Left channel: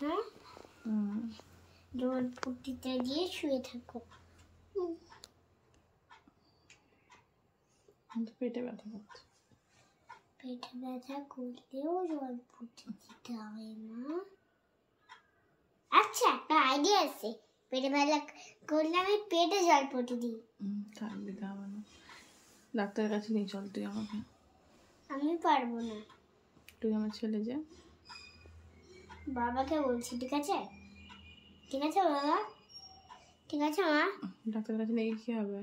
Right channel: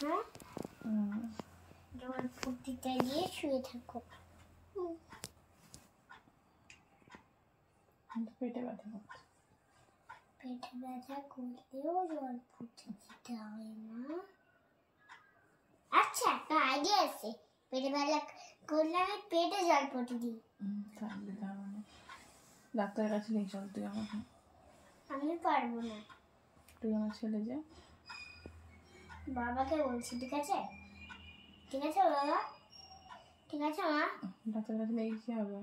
হ্যাঁ জল ফুটিটা দিয়ে শুয়ে থাকো। পেটে ব্যথা করছে। পেটে ব্যথা করলেও জল ফুটে দিতে হয় মা। আচ্ছা একটা আইডিয়া আছে, পেটে ব্যথা করলে আমি পেটে জল ফুটে দিই। থাকবে তা মানে ডাক্তারের কাছে নিয়ে চল তুই আমাকে। আমি পারবো না। তুই আমার ছেলে যা। বাবাকে বলছি, ঠিক আছে? ঠিক আছে বাবা, ঠিক আছে মা। ডাক্তারের কাছে নিয়ে কি হবে?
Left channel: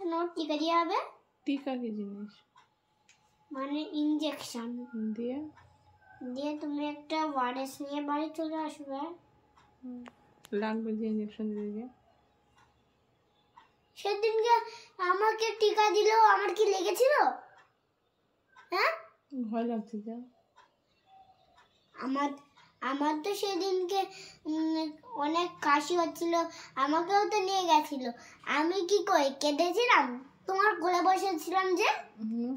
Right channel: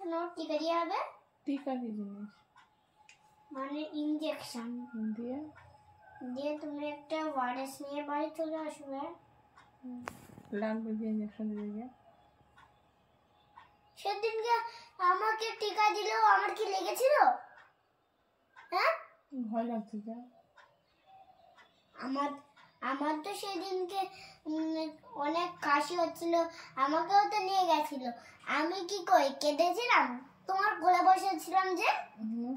নোট টিকা দিয়ে হবে। টিকা কি জিনিস? মানে ইনজেকশন দিয়ে দিয়ে তুমি একটা ওয়ারেস নিয়ে বাড়ি চলে আসবে। লাগবে যে ইনজেকশন দিয়ে। সেদিনকে আমাকে টিকা দিল, আমার কি লেগেছিল? হ্যাঁ ভয় লাগছে যা। আমার আমার তো সেদিনকে অনেক কাশি হচ্ছিল, আমাকেও তো নিয়ে গেছিল। আমি কি কই কেঁদেছিলাম? তোমার কোলে বসেছিলাম যে।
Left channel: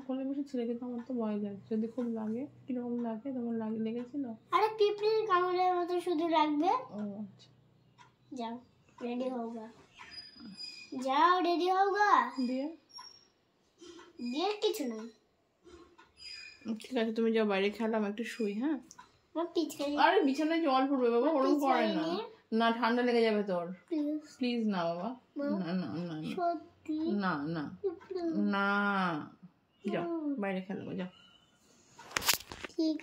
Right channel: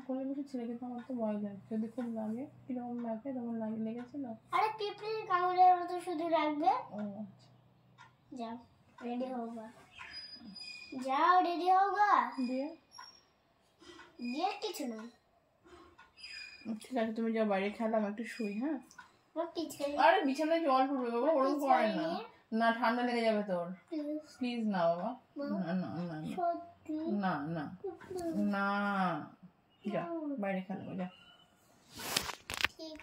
কোলে বসেছিল, কিন্তু আমার তো ভয় লাগছে। যদি খুব লাগে, কিরকম লাগে? তোমার লেগেছিল? আরে পিঁপড়ির কামড়ের মতো শুধু লাগবে। ও আচ্ছা, যাও রেডি হোগা, যাও রেডি হোগা। দিয়ে দিয়ে কিছু না। ঠিক আছে, তুমি যাও বাইরে খেলাম, একটু শুই। হ্যাঁ আরে বিছানায় জল পড়বে বাবা, ওরকম করে না। না ঠান্ডা লেগে যাবে তোর। প্লিজ না বাবা, না না না না না না, যাও বাইরে খেলো, যাও।